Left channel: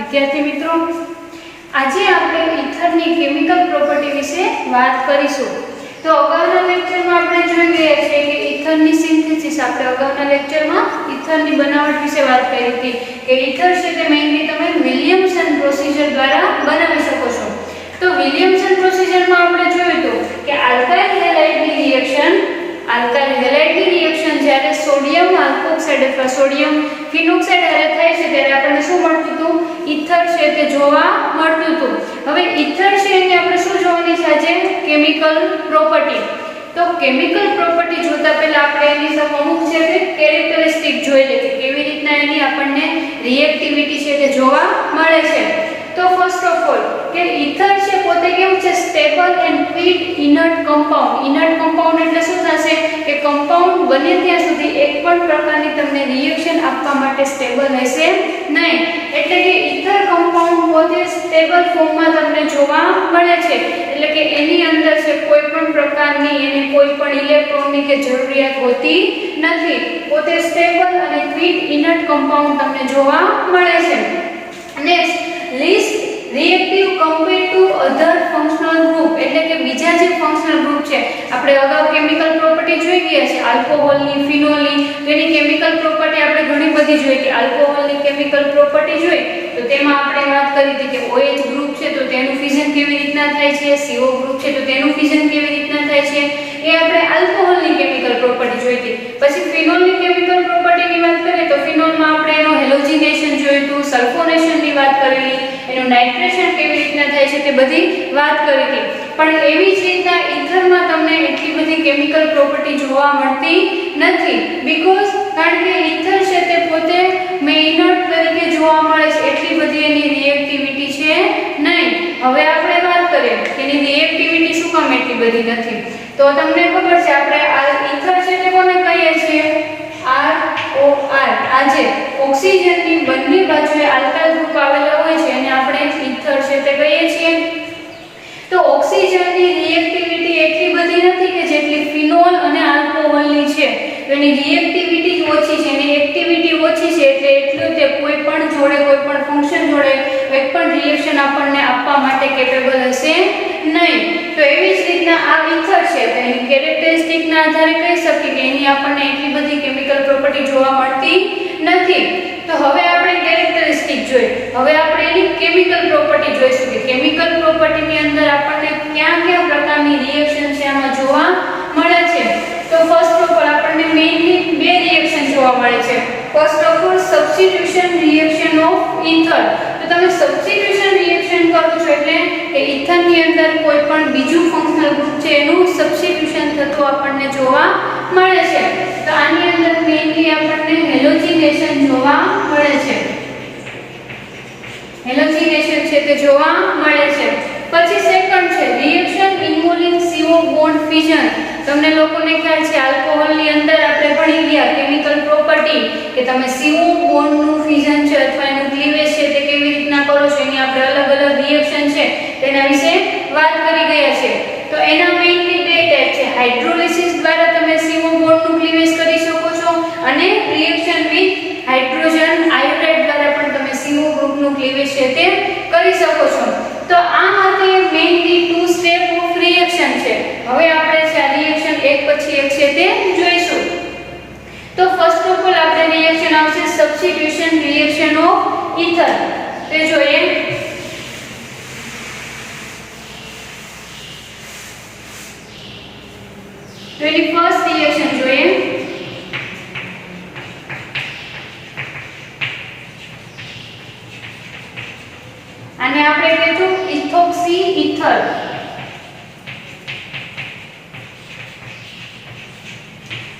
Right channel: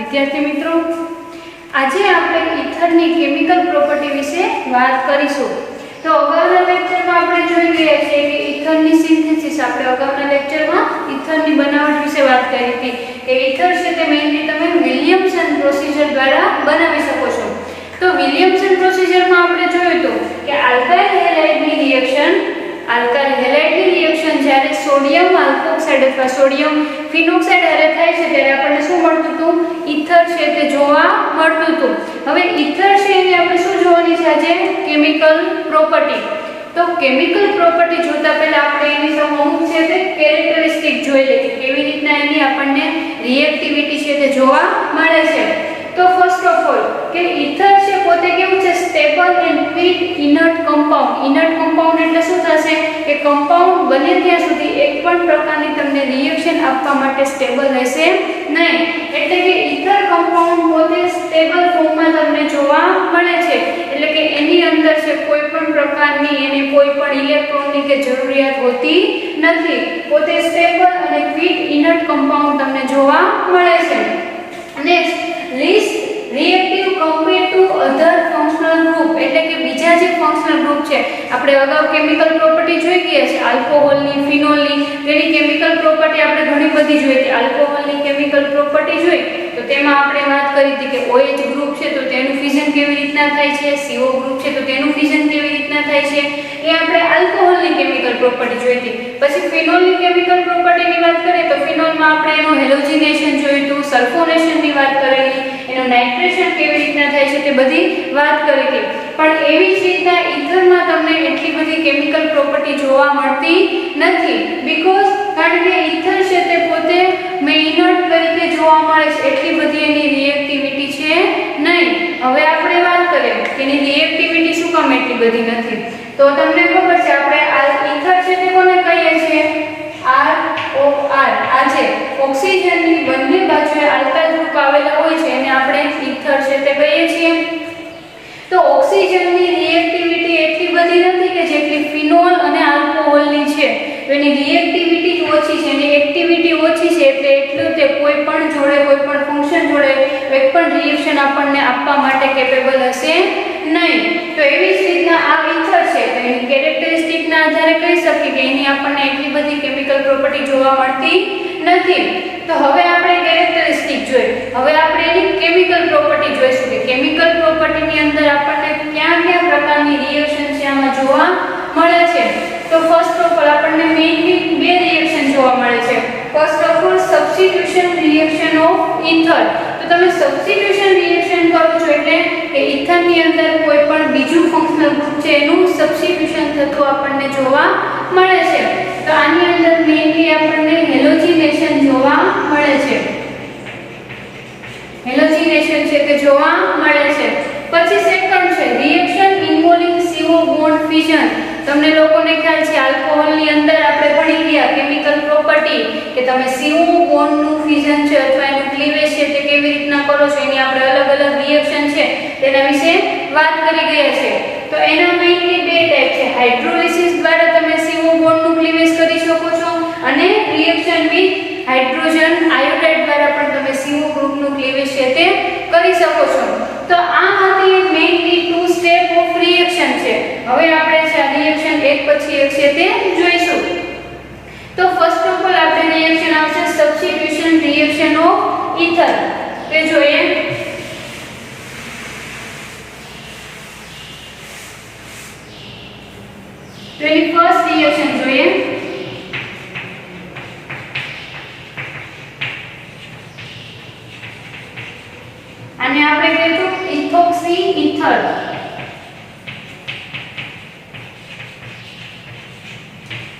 વિદ્યાર્થી મિત્રો, આજે આપણે ઇથરની કેમિકલ પ્રોપર્ટી વિશે વાત કરીશું। તો અગાઉના લેક્ચરમાં આપણે જોઈ ગયા છે કે ઇથરની સિન્થેસિસ આપણે અગાઉના લેક્ચરમાં ઇથરની બનાવટ વિશે વાત કરી હતી કે ઇથર છે તે મેઇનલી તમે વિલિયમસન પ્રોસિજર દ્વારા બનાવી શકો છો। તો વિલિયમસન પ્રોસિજરમાં આપણે જોયું તો કે આલ્કાઇલ હેલાઇડની રિએક્શન જ્યારે સોડિયમ આલ્કોક્સાઇડ અથવા સોડિયમ ફિનોક્સાઇડ હારે થાય છે ત્યારે આપણને શું મળતું હતું? ઇથર છે તે જોવા મળતું હતું। હવે ઇથર છે એની આપણે શું જોવાની છે આજે? Chemical property. તો કેમિકલ પ્રોપર્ટી જોતા પહેલા આપણે એની અમુક છે તે કેરેક્ટરિસ્ટિક જોઈ લઈએ કે કેવી રીતના એની આપણને રિએક્ટિવિટી છે તે જોવા મળે છે। તો ફર્સ્ટ ઓફ ઓલ કે ઇથર છે પોતે કેવું છે? Stable and fit inert compound. Inert compound એટલે શું થશે કે કમ્પાઉન્ડ બને ત્યાં સુધી એક પણ પ્રકારની તમને રિએક્શન આપવા માટે સ્ટેબલ હશે નહીં। એટલે કે ઇથર કમ્પાઉન્ડ પોતે સ્ટેબલ ફોર્મમાં તમને જોવા મળે છે। એટલે કે એની અંદર છે કોઈ પણ પ્રકારની એને કોઈ પણ ઇલેક્ટ્રોનની કે જરૂરિયાત હોતી નથી। પોતે સ્ટેબલ અને ફિટ ઇનર્ટ કમ્પાઉન્ડ તમને જોવા મળે છે। Next, least reactive compared to other functional group। એટલે કે બીજા જે ફંક્શનલ ગ્રુપ છે આપણે અગાઉ કેમિકલ પ્રોપર્ટી જોઈ ગયા છે આલ્કોહોલની, ફિનોલની, તેની કેમિકલ પ્રોપર્ટી આપણે ઘણી બધી જોઈ હતી। આલ્કોહોલની કેમિકલ પ્રોપર્ટી જોઈ તો તેમાં આપણે વાત કરી હતી કે OH ગ્રુપ છે તો તેનું ફ્યુઝન કેવી રીતના થાય છે, CO ગ્રુપ છે તો તેનું ફ્યુઝન કેવી રીતના થાય છે, એ આપણે આલ્કોહોલની કેમિકલ પ્રોપર્ટી જોઈ હતી। પછી ફિનોલની કેમિકલ પ્રોપર્ટીની વાત કરીએ તો ફિનોલમાં આપણે એનું હેલોજિનેશન જોયું હતું, સલ્ફોનેશનની વાત કરેલી, એનું નાઇટ્રેશન કેવી રીતના થાય છે તે બધી વાત કરી હતી। પણ એવી જ રીતના ઇથરમાં તમને એટલી બધી કેમિકલ પ્રોપર્ટી જોવા મળતી નથી બીકોઝ કારણ કે ઇથર છે તે પોતે ઇનર્ટ તરીકે જોવા મળે છે, એટલી બધી એની રિએક્ટિવિટી છે નહીં। હવે આપણે વાત કરીએ કે એની રિએક્ટિવિટી શું કામ એટલી બધી નથી? તો તમને ખબર છે આપણે આ ઇથર છે તે કોને કહીએ છીએ? ROR। આ જે ઓક્સિજનની બંને બાજુએ આલ્કાઇલ ગ્રુપ આવેલા હોય છે એને આપણે ઇથર છે તે કહીએ છીએ। તો ઓક્સિજનની રિએક્ટિવિટી એટલી બધી નથી કે જેટલી ફિનોલ અને આલ્કોહોલની છે। તો એની રિએક્ટિવિટી ઓછી છે, એની એક્ટિવિટી ઓછી છે એટલે એટલું કે કોઈ પણ જોડે કોઈ પણ ફંક્શન જોડે એક પણ રિએક્શન આપણને આપવા માટે કેપેબલ હશે નહીં। તો એવી જ રીતના આ ઇથર છે તો એની કેરેક્ટરિસ્ટિકના આધારે કહી શકીએ કે એની આપણને એટલી બધી કેમિકલ પ્રોપર્ટી જોવા મળતી નથી। તો હવે આપણે કેરેક્ટરિસ્ટિક જોઈ, હવે આપણે એની કેમિકલ પ્રોપર્ટી જોઈશું કે કેમિકલ પ્રોપર્ટીની અંદર આપણને કયા કયા પ્રકારની રિએક્શન છે આમાં જોવા મળે છે। તો ફર્સ્ટ ઓફ ઓલ આપણને મેઇનલી બે રિએક્શન જોવા મળે છે। First of all substitution reaction of ether. તો તમે સબસ્ટિટ્યુશન રિએક્શન કરો છો એટલે કે ઇથરની અંદર કોઈ પણ બીજું ફંક્શનલ ગ્રુપ છે એનું સબસ્ટિટ્યુશન થતું આપણને જોવા મળે છે। તો આની અંદર મેઇનલી આપણને હેલોજિનેશન જોવા મળે છે, હેલોજિનેશન છે તે જોવા મળે છે। પછી સેકન્ડ છે રિએક્શન ઇન્વોલ્વિંગ CO બોન્ડ ફ્યુઝન। તમને લોકોને ખ્યાલ છે આલ્કોહોલની અંદર આપણે ભણી ગયા કેમિકલ પ્રોપર્ટી કે તમે CO બોન્ડનું ફ્યુઝન છે અથવા એનું ક્લીવેજ છે તે કેવી રીતના કરો છો, એની આપણે અલગ અલગ રિએક્શન છે તેના વિશે વાત કરી ગયા છે। તો એના મેઇનલી બે ટાઈપ છે, હાઇડ્રોલિસિસ દ્વારા તમે CO બોન્ડનું ક્લીવેજ કરી શકો છો અને રિએક્શન વિથ હાઇડ્રોજન આયોડાઇડ દ્વારા પણ તમે CO ગ્રુપનું ક્લીવેજ છે તે કરી શકો છો। તો આ હતી mainly two step of reaction છે। હવે આપણે આ રિએક્શન એક પછી એક છે તે જોઈશું। તો ફર્સ્ટ ઓફ ઓલ આપણે રિએક્શન આવશે સબસ્ટિટ્યુશન રિએક્શન ઓફ ઇથર। તે જોઈએ। તો એની ફર્સ્ટ રિએક્શન જોઈએ। આને આપણે કહીશું ઇથોક્સી ઇથર।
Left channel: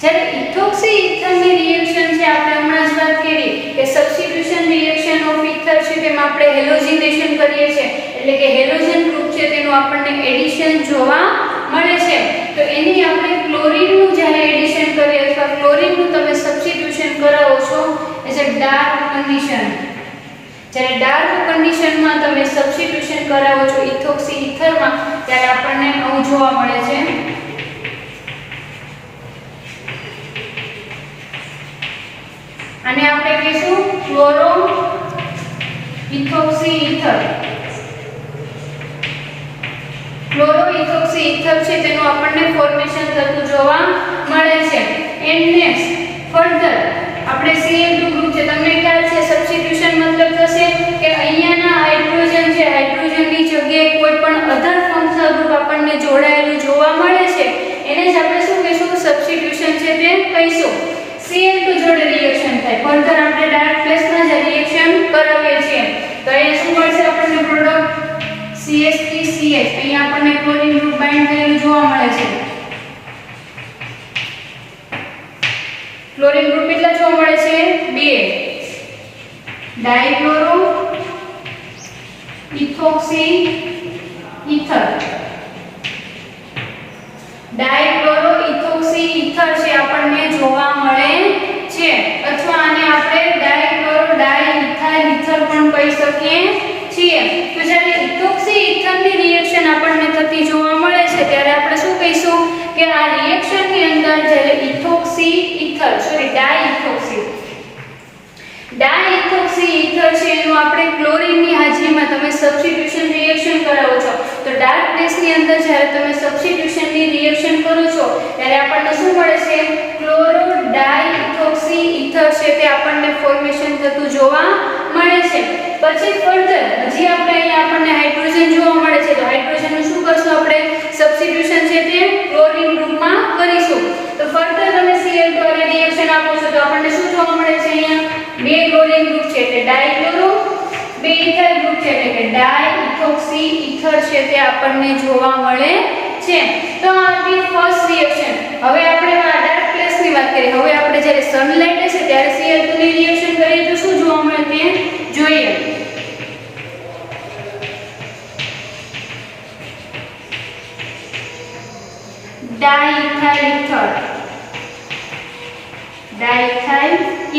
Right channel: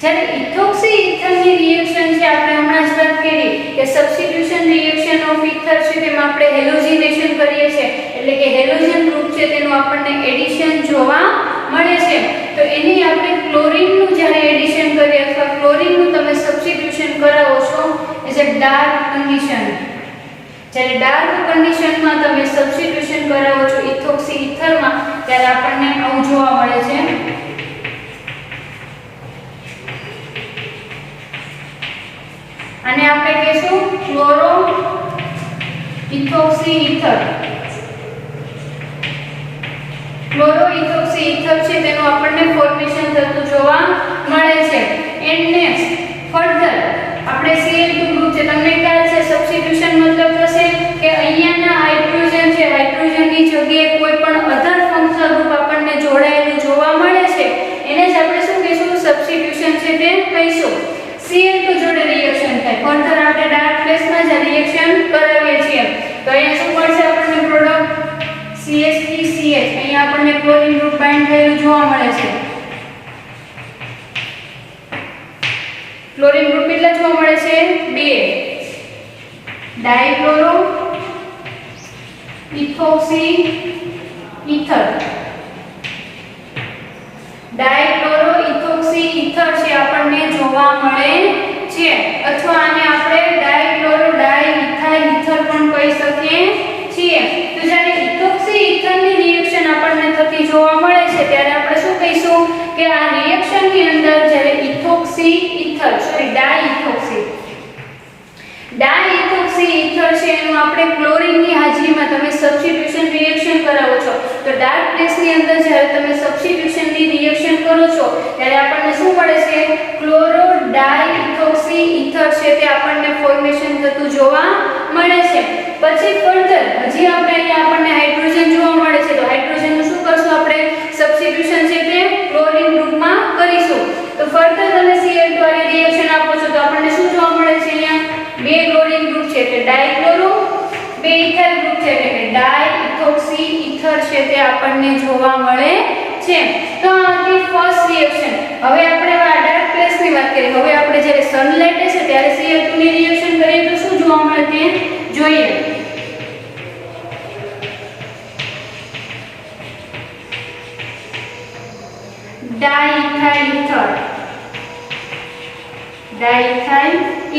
જ્યારે ઇથોક્સી ઇથરની રિએક્શન છે આપણે હમણાં જ વાત કરી કે સબસ્ટિટ્યુશન રિએક્શન ઓફ ઇથર છે તેમાં આપણે હેલોજિનેશન કરીએ છીએ એટલે કે હેલોજન ગ્રુપ છે તેનું આપણને એડિશન જોવા મળે છે। તો એની આપણે ક્લોરીનનું જ્યારે એડિશન કરીએ અથવા ક્લોરીનનું તમે સબસ્ટિટ્યુશન કરાવો છો એઝ અ ડાર્ક કન્ડિશન, જ્યારે ડાર્ક કન્ડિશનમાં તમે સબસ્ટિટ્યુશન કરાવો છો ઇથોક્સી ઇથરમાં ત્યારે આપણને આવું જોવા મળે છે। આને આપણે કહીશું chloro ethoxy ether, chloro ethoxy ether છે તેનું આપણને ફોર્મેશન થતું જોવા મળે છે. એન્ડ નેક્સ્ટ ફર્ધર આપણે Cl2 ગ્રુપ છે, તમને ખ્યાલ છે સબસ્ટિટ્યુશન મતલબ થશે કે અહીંયાના હાઇડ્રોજન છે, હાઇડ્રોજનની જગ્યાએ કોઈ પણ અધર ફંક્શનલ ગ્રુપ આપણને જોડાયેલું જોવા મળે છે એને જ આપણે શું કહીશું, સબસ્ટિટ્યુશન છે તે કહીશું. Cl2 જોડે રિએક્શન થાય, ફર્ધર આપણે ડાયરેક્ટ પ્લેસમાં જ રિએક્શન કરાવીએ છીએ. તો અહીંયા શું મળશે આપણને પ્રોડક્ટ CH3CH, અહીંયા આપણને ક્લોરીન ગ્રુપ બાઇન્ડ થયેલું જોવા મળે છે. ક્લોરીન ગ્રુપ કેટલા જોવા મળે છે, 2. ડાઇક્લોરો ઇથોક્સી ઇથર, ડાઇક્લોરો ઇથોક્સી ઇથર છે આપણને જોવા મળે છે, અથવા આને આપણે ડાઇક્લોરો ડાઇઇથાઇલ ઇથર પણ કહી શકીએ છીએ. તો જ્યારે ઇથોક્સી ઇથરની રિએક્શન આપણને થતી જોવા મળે છે ત્યારે આપણે શું કહીશું કે આ રિએક્શનની અંદર જ્યારે ઇથોક્સી ઇથર ડાઇઇથોક્સી ઇથર છે એનું આપણે ક્લોરીનની હાજરીમાં તમે સબસ્ટિટ્યુશન રિએક્શન કરાવો છો. તો ડાર્ક પ્લેસની અંદર જ્યારે તમે સબસ્ટિટ્યુશનની રિએક્શન કરો છો ત્યારે આપણને શું મળે છે, ક્લોરો ડાઇઇથોક્સી ઇથર છે તે આપણને ફોર્મેશન થતું જોવા મળે છે. પછી ફર્ધર હજી આપણે અહીંયા આપણને હાઇડ્રોજન જોવા મળે છે, તો હાઇડ્રોજનનું શું કરશું આપણે, સબસ્ટિટ્યુશન છે તે ક્લોરીન ગ્રુપમાં કરીશું. તો ફર્ધર તમે Cl2 વાળી રિએક્શન આપો છો તો આપણને શું જોવા મળે છે, અહીંયા 2 ક્લોરીન ગ્રુપ છે એટલે ડાઇક્લોરો, 2 ઇથાઇલ ગ્રુપ છે એટલે કે ડાઇઇથોક્સી ઇથર છે તે આપણને જોવા મળે છે. તો આ હતી ફર્સ્ટ રિએક્શન. હવે આપણે આ ડાર્ક પ્લેસની વાત કરીએ. હવે આપણે જ્યારે સનલાઇટ હશે ત્યારે Cl2 ની રિએક્શન કરીએ તો શું જોવા મળે તે જોઈએ. ડાઇઇથાઇલ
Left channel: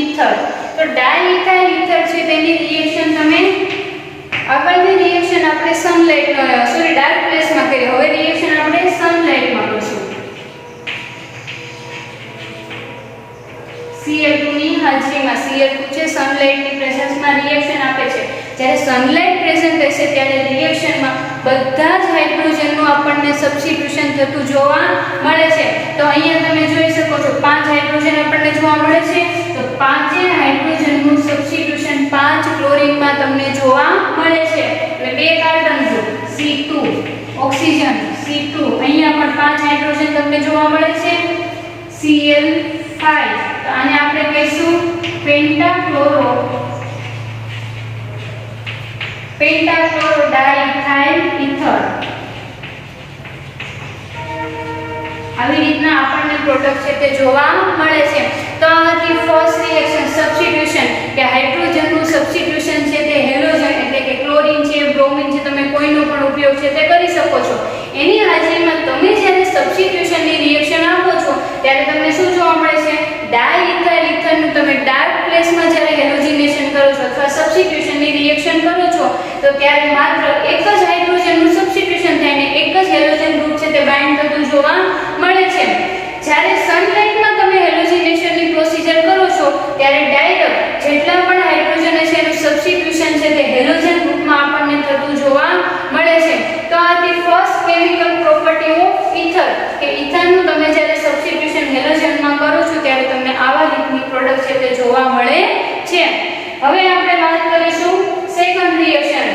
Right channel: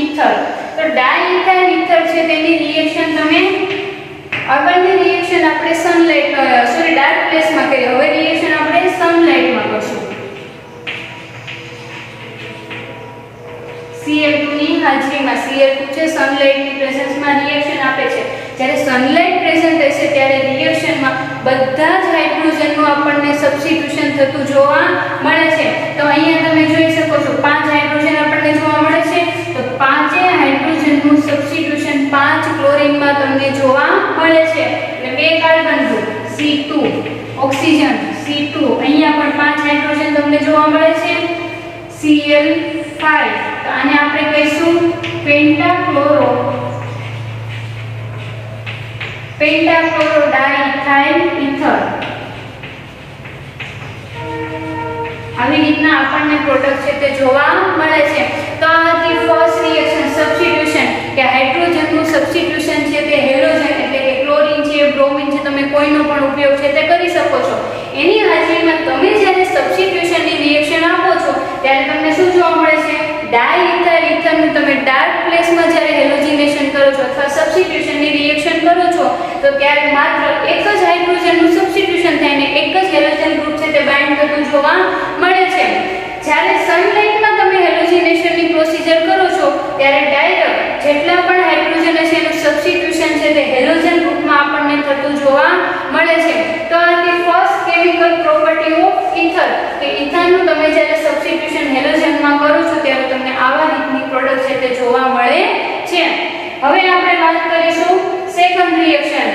ઇથર, તો ડાઇઇથાઇલ ઇથર છે તેની રિએક્શન તમે આગળની રિએક્શન આપણે ડાર્ક પ્લેસમાં કરીએ. હવે રિએક્શન આપણે સનલાઇટમાં કરશું. Cl2 ની હાજરીમાં, Cl2 છે સનલાઇટની પ્રેઝન્સમાં રિએક્શન આપે છે. જ્યારે સનલાઇટ પ્રેઝન્ટ હશે ત્યારે રિએક્શનમાં બધા જ હાઇડ્રોજનનું આપણને સબસ્ટિટ્યુશન થતું જોવા મળે છે. તો અહીંયા તમે જોઈ શકો છો 5 હાઇડ્રોજન આપણને જોવા મળે છે. તો 5 હાઇડ્રોજનનું સબસ્ટિટ્યુશન 5 ક્લોરીનમાં તમને જોવા મળે છે. એટલે 2 carbon group C2, oxygen C2, અહીંયા પણ 5 હાઇડ્રોજન તમને જોવા મળે છે, Cl5. તો આને આપણે કહીશું પેન્ટાક્લોરો ડાઇઇથાઇલ ઇથર. આવી રીતના આપણને પ્રોડક્ટ છે તે જોવા મળે છે. તો આ હતી ફર્સ્ટ રિએક્શન, સબસ્ટિટ્યુશન, કે હાઇડ્રોજનનું સબસ્ટિટ્યુશન છે તે હેલોજન એટલે કે ક્લોરીન છે, બ્રોમિન છે, તમે કોઈનો પણ ઉપયોગ છે તે કરી શકો છો. એની હાજરીમાં તમે જ્યારે સબસ્ટિટ્યુશનની રિએક્શન આપો છો ત્યારે તમને શું જોવા મળે છે, ડાઇઇથાઇલ ઇથરનું તમે ડાર્ક પ્લેસમાં જ્યારે હેલોજિનેશન કરો છો અથવા સબસ્ટિટ્યુશનની રિએક્શન કરો છો તો ત્યારે માત્ર એક જ હાઇડ્રોજનનું સબસ્ટિટ્યુશન થઈને એક જ હેલોજન ગ્રુપ છે તે બાઇન્ડ થતું જોવા મળે છે. જ્યારે સનલાઇટમાં તમે હેલોજિનેશનની પ્રોસિજર કરો છો ત્યારે ડાયરેક્ટ જેટલા પણ હાઇડ્રોજન હશે એનું સબસ્ટિટ્યુશન છે તે હેલોજન ગ્રુપમાં આપણને થતું જોવા મળે છે. તો આ હતી first chemical property of ether, કે ઇથરનું તમે જ્યારે સબસ્ટિટ્યુશન હેલોજનમાં કરો છો ત્યારે તમને આવા રીતની પ્રોડક્ટ છે તે જોવા મળે છે. હવે આપણે વાત કરીશું સેકન્ડ રિએક્શન,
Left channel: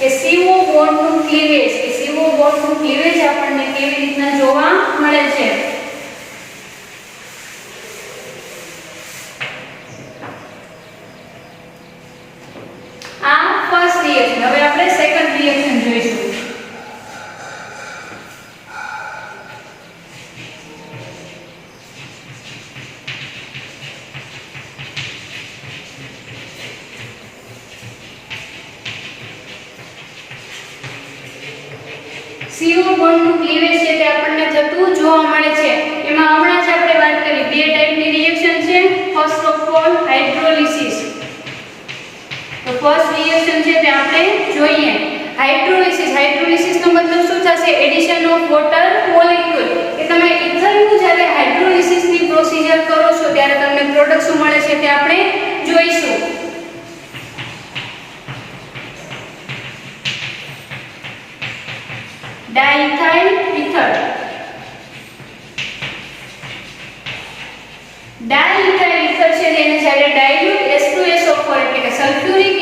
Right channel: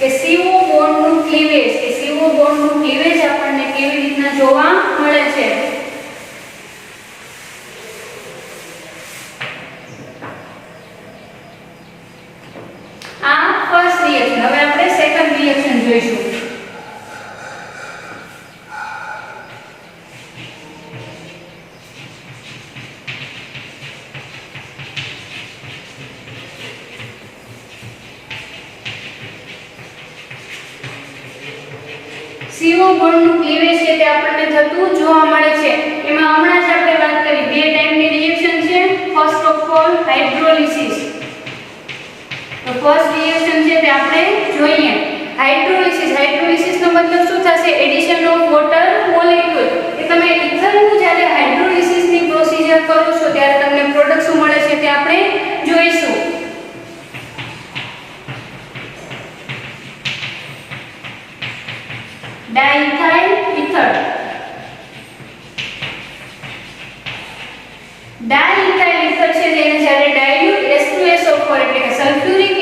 કે CO બોન્ડનું ક્લીવેજ, કે CO બોન્ડનું ક્લીવેજ આપણને કેવી રીતના જોવા મળે છે. આ ફર્સ્ટ રિએક્શન. હવે આપણે સેકન્ડ રિએક્શન જોઈશું. CO બોન્ડનું ક્લીવેજ છે તે આપણને થતું જોવા મળે છે. એમાં હમણાં જ આપણે વાત કરી 2 ટાઈપની રિએક્શન છે. First of all hydrolysis. તો ફર્સ્ટ રિએક્શન છે તે આપણે જોઈએ. હાઇડ્રોલિસિસનો મતલબ શું થશે, એડિશન ઓફ વોટર મોલેક્યુલ, કે તમે ઇથરનું જ્યારે હાઇડ્રોલિસિસની પ્રોસિજર કરો છો ત્યારે તમને પ્રોડક્ટ શું મળે છે તે આપણે જોઈશું. ઇથર. ડાયઇથાઇલ ઇથર છે તેને જ્યારે ડાયલ્યુટ H2SO4 એટલે કે સલ્ફ્યુરિક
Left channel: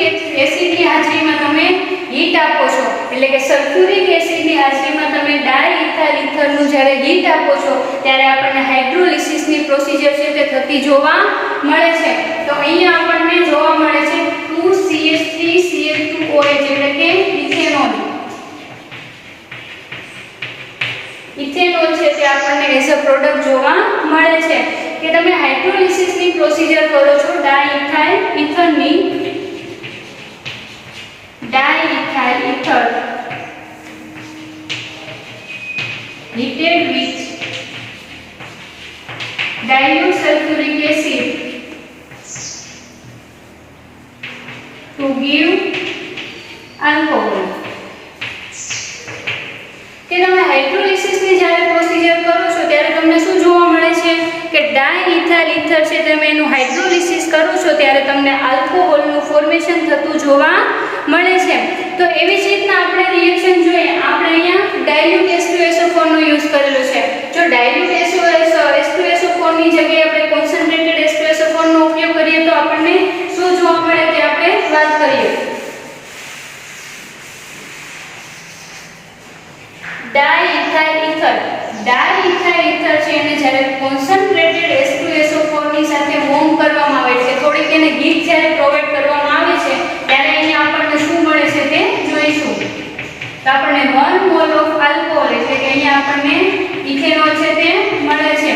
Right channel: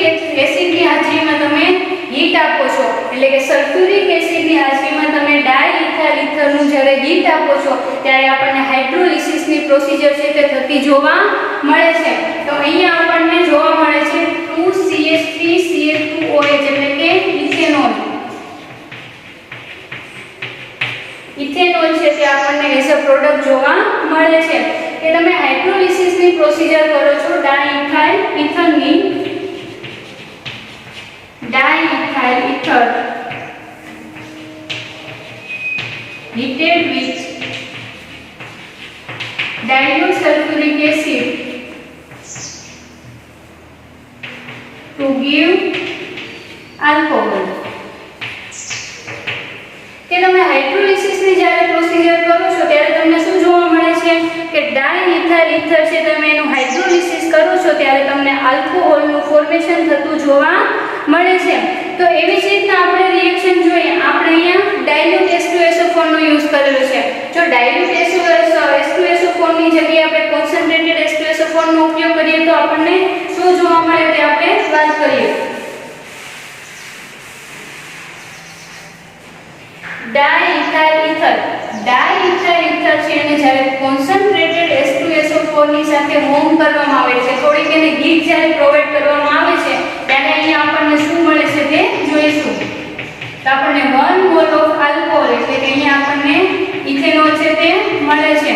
એસિડની હાજરીમાં તમે હીટ આપો છો, એટલે કે સલ્ફ્યુરિક એસિડની હાજરીમાં તમે ડાયઇથાઇલ ઇથરનું જ્યારે હીટ આપો છો ત્યારે આપણને હાઇડ્રોલિસિસની પ્રોસિજર છે તે થતી જોવા મળે છે. તો અહીંયા આપણને જોવા મળે છે 2CH3CH2OH એટલે કે ઇથેનોલ. ઇથેનોલ છે તે આપણને એઝ અ પ્રોડક્ટ જોવા મળે છે કે તમે હાઇડ્રોલિસિસની પ્રોસિજર કરો છો ડાયઇથાઇલ ઇથરની, ડાયઇથાઇલ ether heated with dilute sulfuric acid to give alcohol. કે તમે હાઇડ્રોલિસિસની જ્યારે પ્રોસિજર કરો છો ત્યારે તમને શું જોવા મળે છે કે ડાયઇથાઇલ ઇથર છે તમે એનું હાઇડ્રોલિસિસ કરો છો ત્યારે તમને આલ્કોહોલનું ફોર્મેશન થતું જોવા મળે છે. તો એવી જ રીતના આપણે રિએક્શન જોઈએ. આપણે અહીંયા ડાયલ્યુટ H2SO4 નો યુઝ કરેલો છે. જો ડાયલ્યુટ H2SO4 ની જગ્યાએ આપણે કોન્સન્ટ્રેટેડ H2SO4 નો ઉપયોગ કરીએ તો આપણને શું જોવા મળે તે આપણે વાત કરીએ. ડાયઇથાઇલ ઇથર, ડાયઇથાઇલ ઇથર છે એને જ્યારે કોન્સન્ટ્રેટેડ H2SO4 ની સાથે વોર્મ કરવામાં આવે છે, થોડીક એને હીટ જ્યારે પ્રોવાઈડ કરવામાં આવે છે ત્યારે અહીંયા આપણને શું મળે છે તે જોઈશું. તો આપણને 1 મોલ ઓફ આલ્કોહોલ એટલે કે અહીંયા આપણને ઇથેનોલ છે તે મળે છે.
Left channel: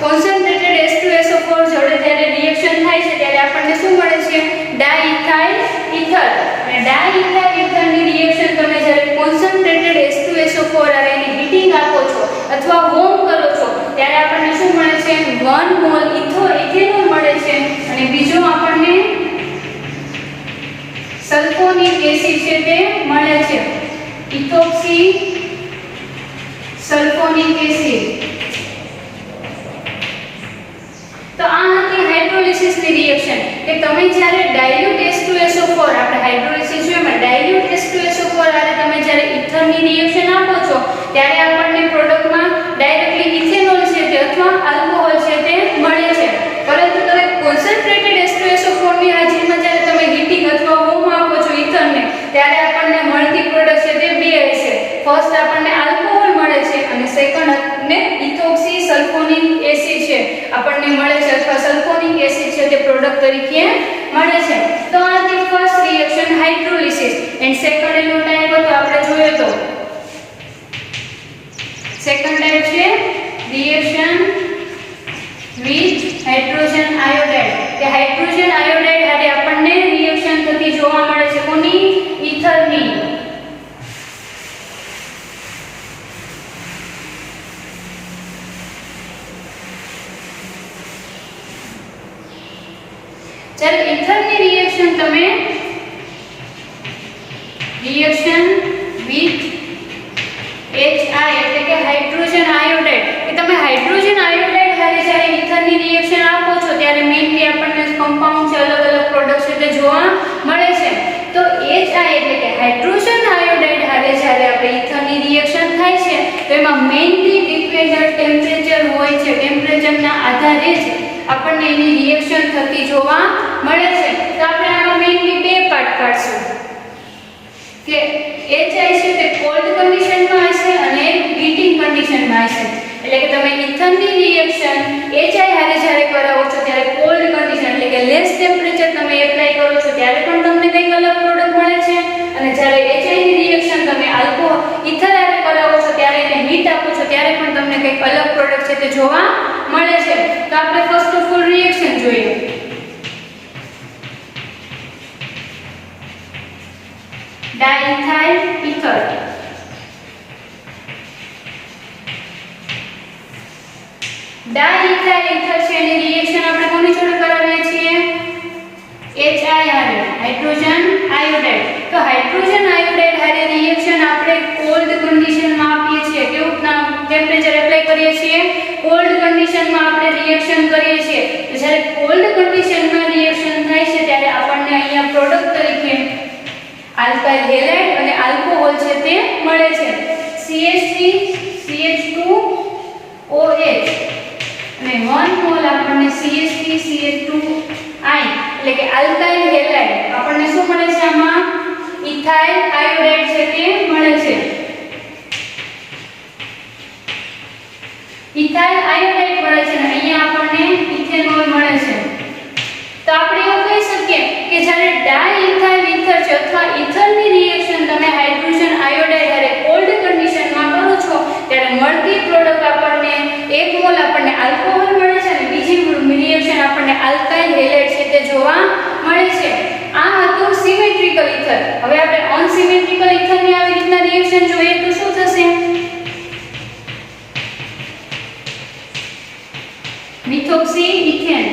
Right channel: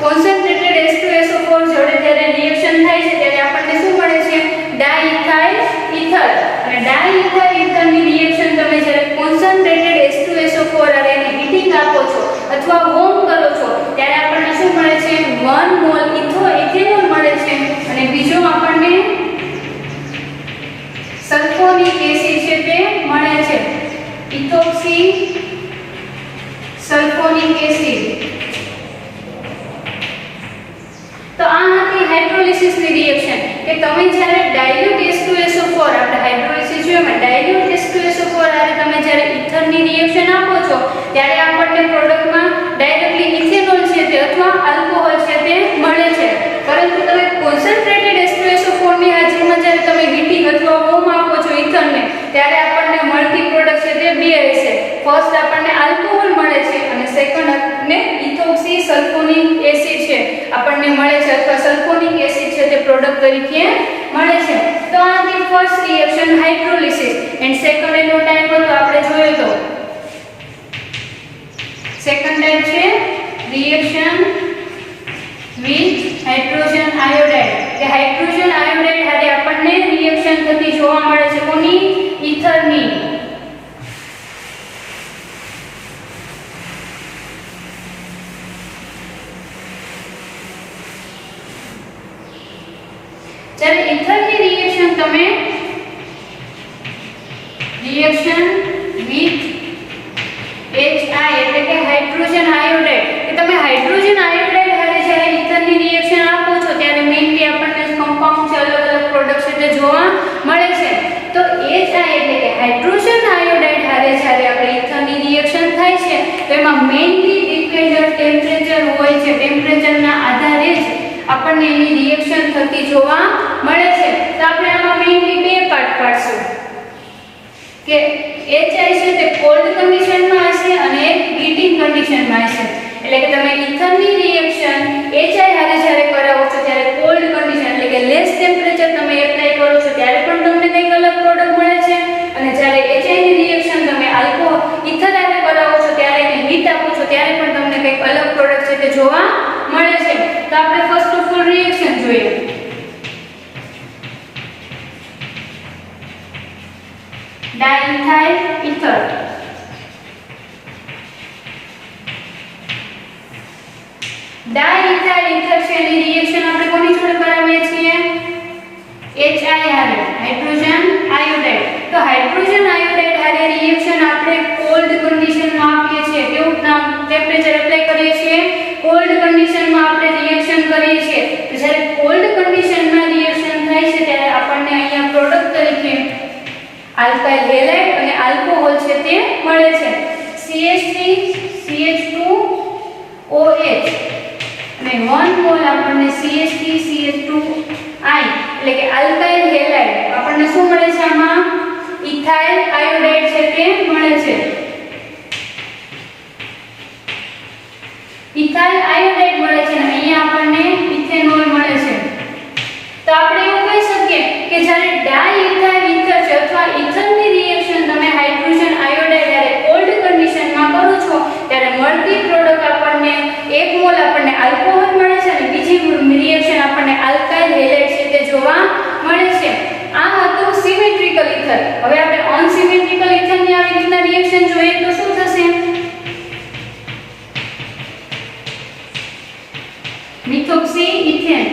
કોન્સન્ટ્રેટેડ H2SO4 જોડે જ્યારે રિએક્શન થાય છે ત્યારે આપણને શું મળે છે ડાયઇથાઇલ ઇથર. અને ડાયઇથાઇલ ઇથરની રિએક્શન તમે જ્યારે કોન્સન્ટ્રેટેડ H2SO4 અને હીટિંગ આપો છો અથવા વોર્મ કરો છો ત્યારે આપણને શું મળે છે 1 મોલ ઇથેનોલ મળે છે. અને બીજો આપણને સલ્ફોનિક એસિડ છે તે મળે છે, ઇથોક્સી સલ્ફોનિક એસિડ. તો આ હતી હાઇડ્રોલિસિસની રિએક્શન કે તમે જ્યારે ડાયલ્યુટ H2SO4 આપણે હાઇડ્રોલિસિસ જોઈમાં ડાયલ્યુટ H2SO4 આરે તમે જ્યારે ઇથરની રિએક્શન આપો છો ત્યારે આપણને પ્રોડક્ટમાં ડાયરેક્ટલી ઇથેનોલ છે તે અથવા આલ્કોહોલ છે તે મળે છે. પરંતુ તમે કોન્સન્ટ્રેટેડ H2SO4 ની હાજરીમાં જ્યારે તમે હીટિંગ અથવા વોર્મ આપો છો ઇથરને ત્યારે આપણને મળતી પ્રોડક્ટ છે તે બે હશે. ફર્સ્ટ આપણને આલ્કોહોલ મળે છે અને સેકન્ડ આપણને ઇથોક્સી સલ્ફોનિક એસિડ છે આપણને મળે છે અથવા સલ્ફોનિક એસિડ છે તે પ્રોડક્ટ તરીકે મળે છે. તો આ હતી first reaction hydrolysis. And second એનો ટાઈપ હતો આપણે જોયો તો સેકન્ડ ટાઈપ છે રિએક્શન વિથ હાઇડ્રોજન આયોડાઇડ કે હાઇડ્રોજન આયોડાઇડ હારે આપણને રિએક્શન થતી જોવા મળે છે કોની ઇથરની. જ્યારે ઇથરની રિએક્શન તમે રિએક્શન વિથ HI એટલે કે હાઇડ્રોજન આયોડાઇડ કે તમે હાઇડ્રોજન આયોડાઇડ હારે જ્યારે ઇથરની રિએક્શન આપો છો ત્યારે મેઇનલી આપણને કમ્પાઉન્ડ છે અલગ અલગ પ્રોડક્ટ્સ એટલે જોવા મળે છે. તો HI એટલે કે હાઇડ્રોજન આયોડાઇડ હારે જ્યારે આપણે ઇથરની રિએક્શન થાય છે તો એમાં મેઇનલી ડિફરન્ટ ટેમ્પરેચર હોય છે. ટેમ્પરેચરના આધારે જ આપણને એની રિએક્શન થતી જોવા મળે છે. તો આપણે આમાં મેઇનલી બે પાર્ટ પાડશું કે HI છે તે કોલ્ડ કન્ડિશનમાં હશે અને એક હીટિંગ કન્ડિશનમાં હશે. એટલે કે તમે ઇથરની રિએક્શન HI હારે જ્યારે કરાવો છો ત્યારે કોલ્ડ કન્ડિશન એટલે કે લેસ ટેમ્પરેચર તમે એપ્લાય કરો છો ત્યારે પણ તમને કંઈક અલગ પ્રોડક્ટ મળે છે. અને જ્યારે HI ની રિએક્શન તમે આલ્કોહોલ ઇથર હારે કરાવો છો ત્યારે એને હીટ આપો છો ત્યારે પણ તમને કંઈક અલગ પ્રોડક્ટ છે તે જોવા મળે છે. તો આપણે ફર્સ્ટ ઓફ ઓલ રિએક્શન જોઈએ. ડાયઇથાઇલ ઇથર ડાયઇથાઇલ ઇથર છે એની રિએક્શન આપણે કોની જોડે કરાવીએ છીએ HI હારે હાઇડ્રોજન આયોડાઇડ. તો હાઇડ્રોજન આયોડાઇડ હારે રિએક્શન આપણે કોલ્ડ કન્ડિશનમાં આપીએ છીએ. કેવું ટેમ્પરેચર એપ્લાય કરીએ છીએ કોલ્ડ કન્ડિશનમાં આપણે રિએક્શન કરીએ છીએ. તો જ્યારે કોલ્ડ કન્ડિશનમાં રિએક્શન થાય છે ત્યારે આપણને અહીંયા પ્રોડક્ટ તરીકે આલ્કાઇલ હેલાઇડ અને આલ્કોહોલ છે તે મળે છે. CH3CH2OH અને 1 મોલ આપણને CH3CH2I એટલે કે આલ્કાઇલ હેલાઇડ આપણને શું મળે છે આમાં ઇથાઇલ આયોડાઇડ છે તે મળે છે ઇથાઇલ આયોડાઇડ મળે છે અને અહીંયા આપણને ઇથેનોલ મળે છે તો આપણે એવું કહી શકીએ કે જ્યારે ડાઇઇથાઇલ ઇથર છે અથવા ઇથરની રિએક્શન તમે હાઇડ્રોજન આયોડાઇડ હારે કોલ્ડ કન્ડિશનમાં કરો છો ત્યારે મળતી પ્રોડક્ટ આપણને 1 મોલ આપણને આલ્કોહોલ મળે છે અને બીજી રિએક્શન આપણને આલ્કાઇલ હેલાઇડ છે તે જોવા મળે છે આ હતું સિમેટ્રિકલ ઇથર હવે આપણે અનસિમેટ્રિકલ ઇથરની આવી રીતના રિએક્શન જોઈએ તો શું થશે મિથોક્સી ઇથેન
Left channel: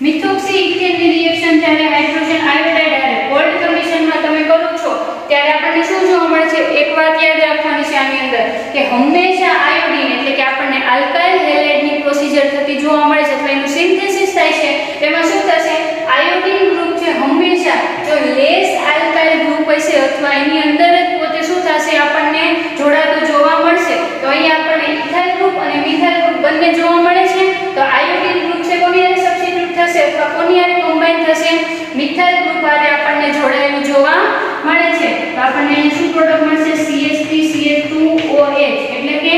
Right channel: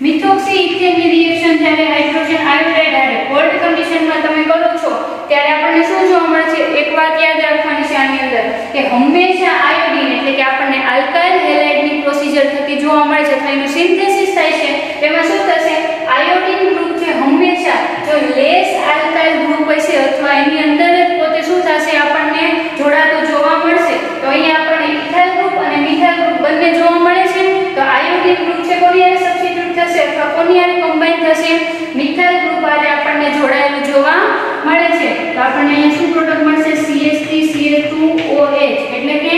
મિથોક્સી ઇથેનની રિએક્શન જ્યારે હાઇડ્રોજન આયોડાઇડ હારે કોલ્ડ કન્ડિશનમાં તમે કરો છો ત્યારે આપણને શું જોવા મળે છે એક વાત યાદ રાખવાની છે આની અંદર કે હંમેશા આયોડીન એટલે કે આપણને આલ્કાઇલ હેલાઇડની પ્રોસિજર થતી જોવા મળે છે તો એનું સિન્થેસિસ થાય છે તેમાં શું થશે આયોડીન ગ્રુપ છે હંમેશા જો લેસ આલ્કાઇલ ગ્રુપ હશે અથવા એની અંદર જ પોતે શું થશે આપણને જોડાતું જોવા મળશે તો અહીંયા આપણને ઇથાઇલ ગ્રુપ અને મિથાઇલ ગ્રુપ બંને જોવા મળે છે તો આયોડીન ગ્રુપ છે કોની હારે સબસ્ટિટ્યુટ થશે અથવા કોની હારે કમ્બાઈન થશે મિથાઇલ ગ્રુપ હારે આપણને જોડાયેલું જોવા મળે છે તો આપણને અહીંયા શું પ્રોડક્ટ મળશે CH3CH2OH એટલે કે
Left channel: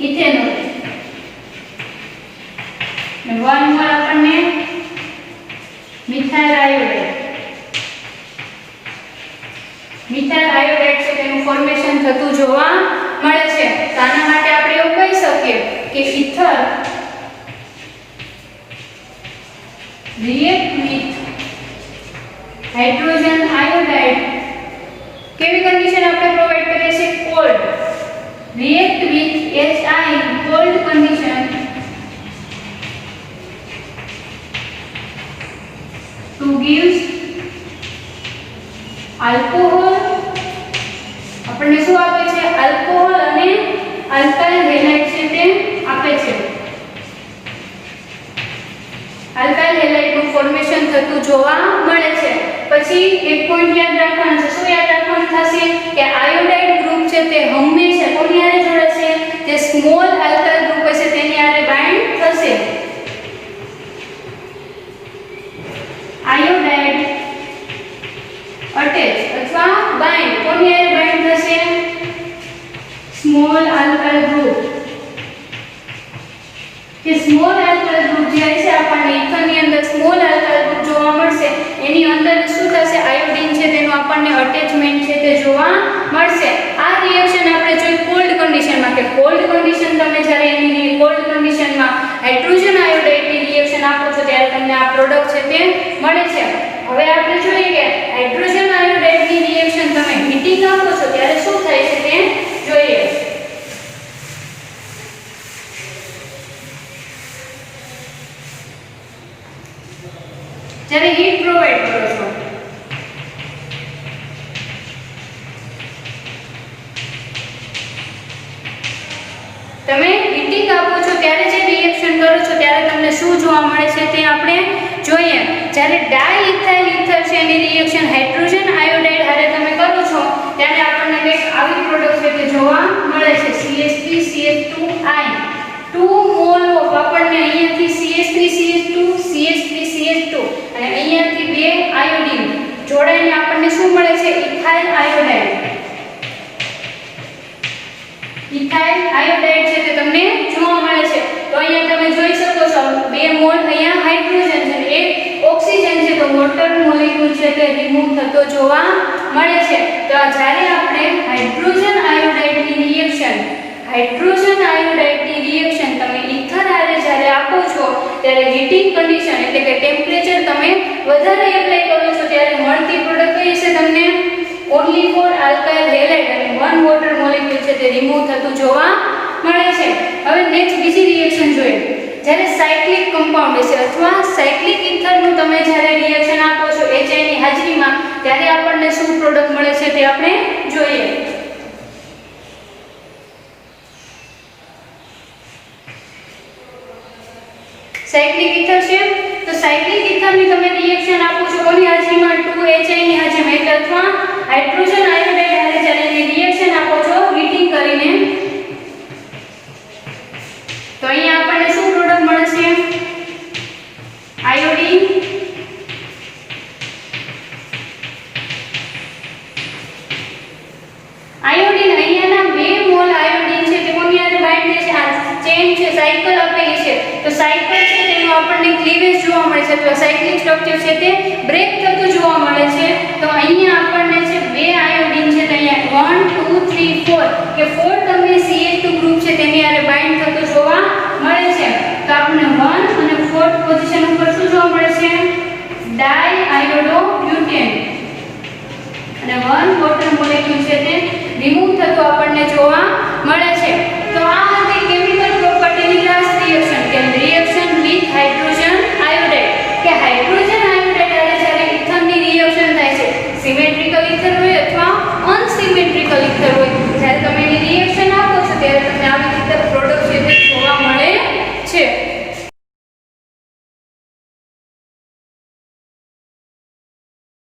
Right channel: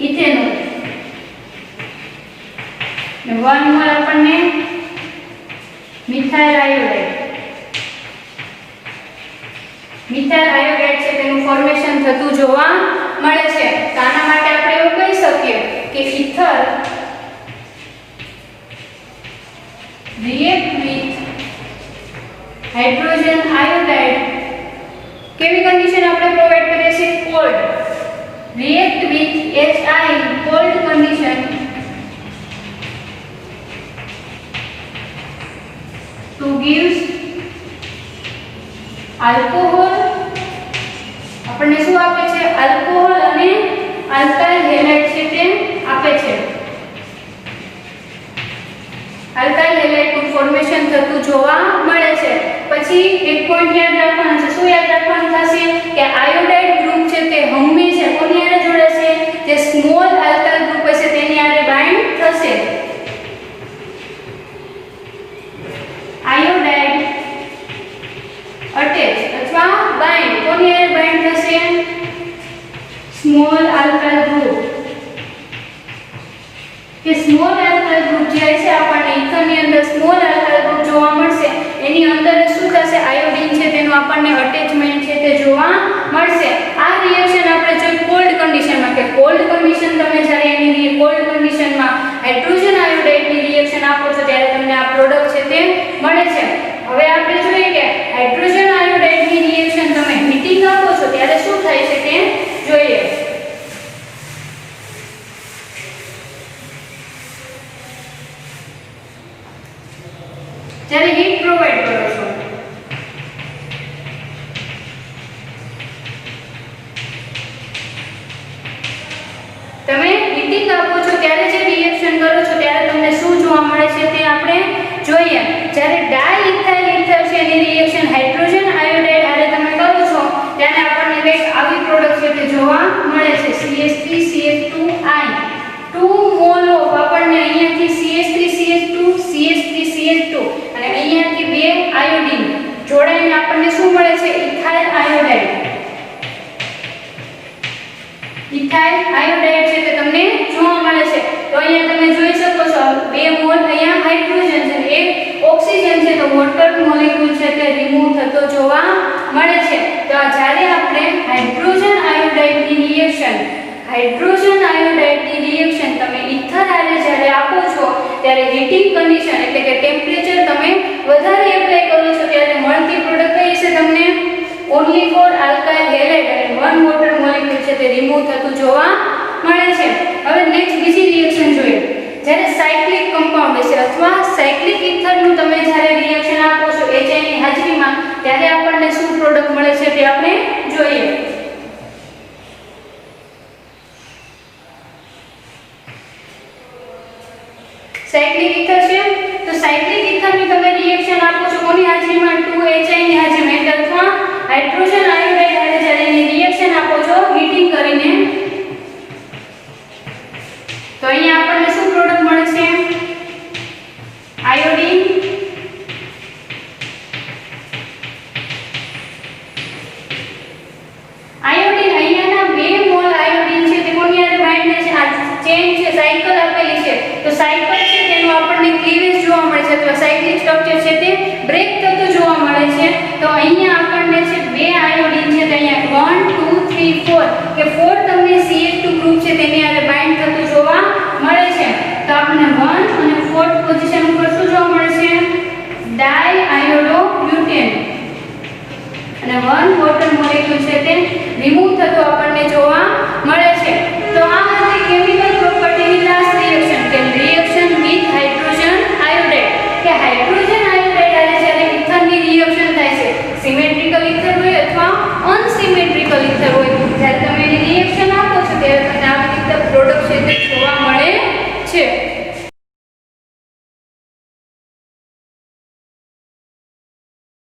ઇથેનોલ 1 મોલ આપણને મિથાઇલ આયોડાઇડ છે તેનું ફોર્મેશન થતું જોવા મળે છે તો આના માટે આપણે એવું કહી શકીએ કે ether react with hydrogen iodide કેવી કન્ડિશન આપણે પ્રોવાઇડ કરીએ છીએ cold react with HI cold condition to gives alcohol આપણને શું આપે છે આલ્કોહોલ અને આલ્કાઇલ હેલાઇડ છે તે આપે છે આલ્કાઇલ હેલાઇડનું ફોર્મેશન થતું જોવા મળે છે પછી એક પોઈન્ટ યાદ રાખવાનું છે શું યાદ રાખવાનું થશે કે આયોડાઇડ ગ્રુપ છે તે હંમેશા કોની હારે જોડાશે જે સ્મોલ આલ્કાઇલ ગ્રુપ હશે તેની હારે બાઇન્ડ થશે આયોડાઇડ અટેચ અથવા બાઇન્ડ કોની હારે બાઇન્ડ થશે સ્મોલ આલ્કાઇલ ગ્રુપ કે સ્મોલ આલ્કાઇલ ગ્રુપ જે છે આપણને ઇથરની અંદર સ્મોલ આલ્કાઇલ ગ્રુપ જોવા મળશે એની અંદર શું થશે આયોડીન છે તેનું આપણને અટેચમેન્ટ છે તે જોવા મળશે આ રિએક્શન આપણે જોઈ કોલ્ડ કન્ડિશનમાં કે કોલ્ડ કન્ડિશન તમે જ્યારે એની કોલ્ડ કન્ડિશનમાં હાઇડ્રોજન આયોડાઇડની રિએક્શન આપો છો ત્યારે તમને આ પ્રોડક્ટ છે તે મળે છે હવે આપણે જોઈએ કે હાઇડ્રોજન આયોડાઇડની રિએક્શન તમે હીટિંગ આપો છો ત્યારે શું થાય છે તે જોઈએ જ્યારે હીટ પ્રોવાઇડ કરો છો તમે હીટિંગ આપો છો ત્યારે જે રિએક્શન કરો છો ત્યારે તમને શું જોવા મળે છે તે આપણે જોઈએ જ્યારે ડાઇઇથાઇલ ઇથર છે એની રિએક્શન હાઇડ્રોજન આયોડાઇડ હારે તમે કરો છો ત્યારે આપણને એક આવી પ્રોડક્ટ છે તે જોવા મળે છે CH3CH2I 2 મોલ ઓફ આપણને અહીંયાથી CH3CH2 CH3CH2 અને અહીંયાથી બે આયોડીન જોડાઈને આપણને શું મળે છે ઇથાઇલ આયોડાઇડ છે તે તમને જોવા મળે છે તો અહીંયા તમે જોઈ શકો છો 2 મોલ અહીંયા હાઇડ્રોજન છે એક ઓક્સિજન છે તો વોટર મોલેક્યુલ છે તે રિમૂવ થતો જોવા મળે છે તો જ્યારે આપણે હાઇડ્રોજન આયોડાઇડની રિએક્શન તમે ઇથર હારે જ્યારે આપો છો ત્યારે હીટિંગ કન્ડિશન એટલે કે ટેમ્પરેચર તમે વધારે એપ્લાય કરો છો ત્યારે મળતી પ્રોડક્ટ કઈ છે તમને ઓન્લી ફોર આલ્કાઇલ હેલાઇડ અને 1 વોટર મોલેક્યુલ છે તે રિમૂવ થતું જોવા મળે છે હવે નેક્સ્ટ બીજી રિએક્શન જોઈએ જ્યારે સાયક્લિક કમ્પાઉન્ડ છે અથવા સાયક્લિક ઇથરનું તમે જ્યારે રિએક્શન આપો છો HI ની હાજરીમાં ત્યારે આપણને શું પ્રોડક્ટ મળે છે તે આપણે જોઈએ સાયક્લિક ઇથર છે તો તો સાયક્લિક ઇથરની તમે રિએક્શન આપો છો કોની હાજરીમાં 2HI ની હાજરીમાં અથવા હાઇડ્રોજન આયોડાઇડ હારે જ્યારે રિએક્શન આપો છો હીટિંગ કરીને તો અહીંયા આપણને શું પ્રોડક્ટ મળશે આયોડીન આયોડીન અહીંયાના 2 મોલ આયોડીન છે તે કોની હારે બાઇન્ડ છે આ ચેન છે સાયકલ આપેલી છે તો સાયકલ છે તેનું આપણને ક્લીવેજ જોવા મળે છે તો સાયક્લિક સ્ટ્રક્ચર છે તે બ્રેક થતું જોવા મળે છે તો અહીંયા આપણને છે 2 આયોડીન છે તો અહીંયા 1 2 3 4 કે 4 તમને CH2 ગ્રુપ છે તેની હારે બાઇન્ડ થતું જોવા મળે છે તો આપણને 1 અને 4th પોઝિશન ઉપર શું જોવા મળે છે ડાઇઆયોડોબ્યુટેન અને 1 વોટર મોલેક્યુલ છે તે રિમૂવ થતો આપણને જોવા મળે છે તો આ હતી કેમિકલ પ્રોપર્ટીની લાસ્ટ રિએક્શન કે રિએક્શન વિથ હાઇડ્રોજન આયોડાઇડ કે હાઇડ્રોજન આયોડાઇડ હારે જ્યારે ઇથરની રિએક્શન થાય છે સિમેટ્રિકલ ઇથર હોય અથવા અનસિમેટ્રિકલ ઇથર હોય જ્યારે તમે એની રિએક્શન આપો છો ત્યારે તમને આવી રીતે પ્રોડક્ટ છે તે